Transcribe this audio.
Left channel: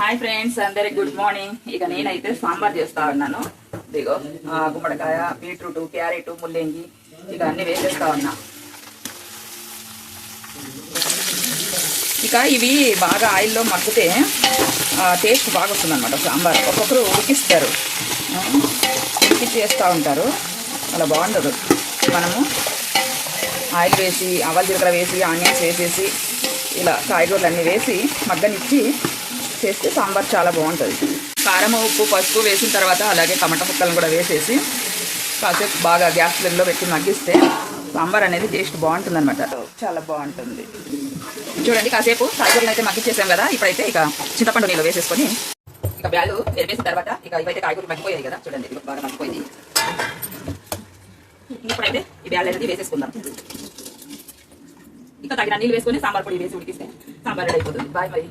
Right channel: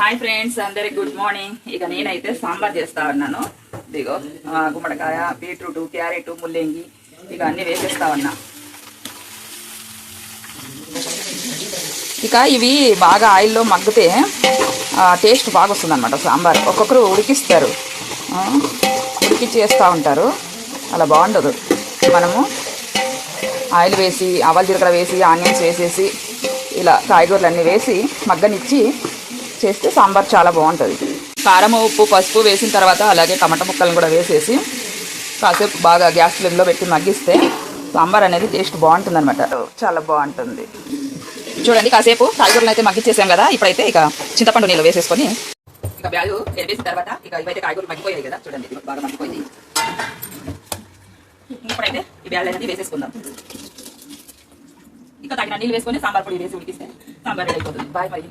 Hi friends, అందరికి good morning. ఇక నేనైతే సాంబార్ చేస్తా ఉన్నాను. ఇదిగో గుమ్మడికాయ, బీట్రూట్, క్యారెట్, ముల్లంగి ఇక అన్ని వేసేస్తా ఉన్నా. ఇక ఇవి బాగా ఆయిల్లో మగ్గితే టేస్ట్ బాగా వస్తుంది అనమాట సాంబార్. ఒక్కొక్కరు ఉడికిస్తారు, ఉడికిచ్చి వేస్తూ ఉంటారు, అలా బాగుండదు. మనము ఆయిల్ వేసి ఆవాలు జీలకర్ర వేసి ఆనియన్స్ వేసేసి ఇలా కాయగూరలు అన్నీ వేసి మగ్గనిచ్చి చేస్తే సాంబార్ చాలా బాగుంటుంది. కారం, ఉప్పు, పసుపు వేసిన తర్వాత అలాగే టమాటా ముక్కలను కూడా వేసేసి కాసేపు బాగా గ్యాస్ ఫ్లేమ్లో పెట్టి మగ్గిస్తే సాంబార్ అనేది టేస్ట్ బాగుంటుంది అనమాట. చాలా బాగుంటుంది. చూడండి, కాసేపు కాయగూరలు అయితే మగ్గిచ్చేసాం కదా. ఇప్పుడైతే ఇక చింతపండు నీళ్ళు వేసేసుకొని ఇక బ్యాళ్ళు వేసిన తర్వాత ఇక ఇవైతే కాయగూరలు మగ్గిపోయాయి కదా, చూడండి బాగా మగ్గిపోయింది. ఇప్పుడైతే ఈ బ్యాళ్ళు అనేది వేసేసుకుందాం. ఇక తగిన నీళ్ళు వేసుకొని సాంబార్ పొడి వేసి ఉడికిస్తే సాంబార్ రెడీ అయిపోతుంది. Bye bye.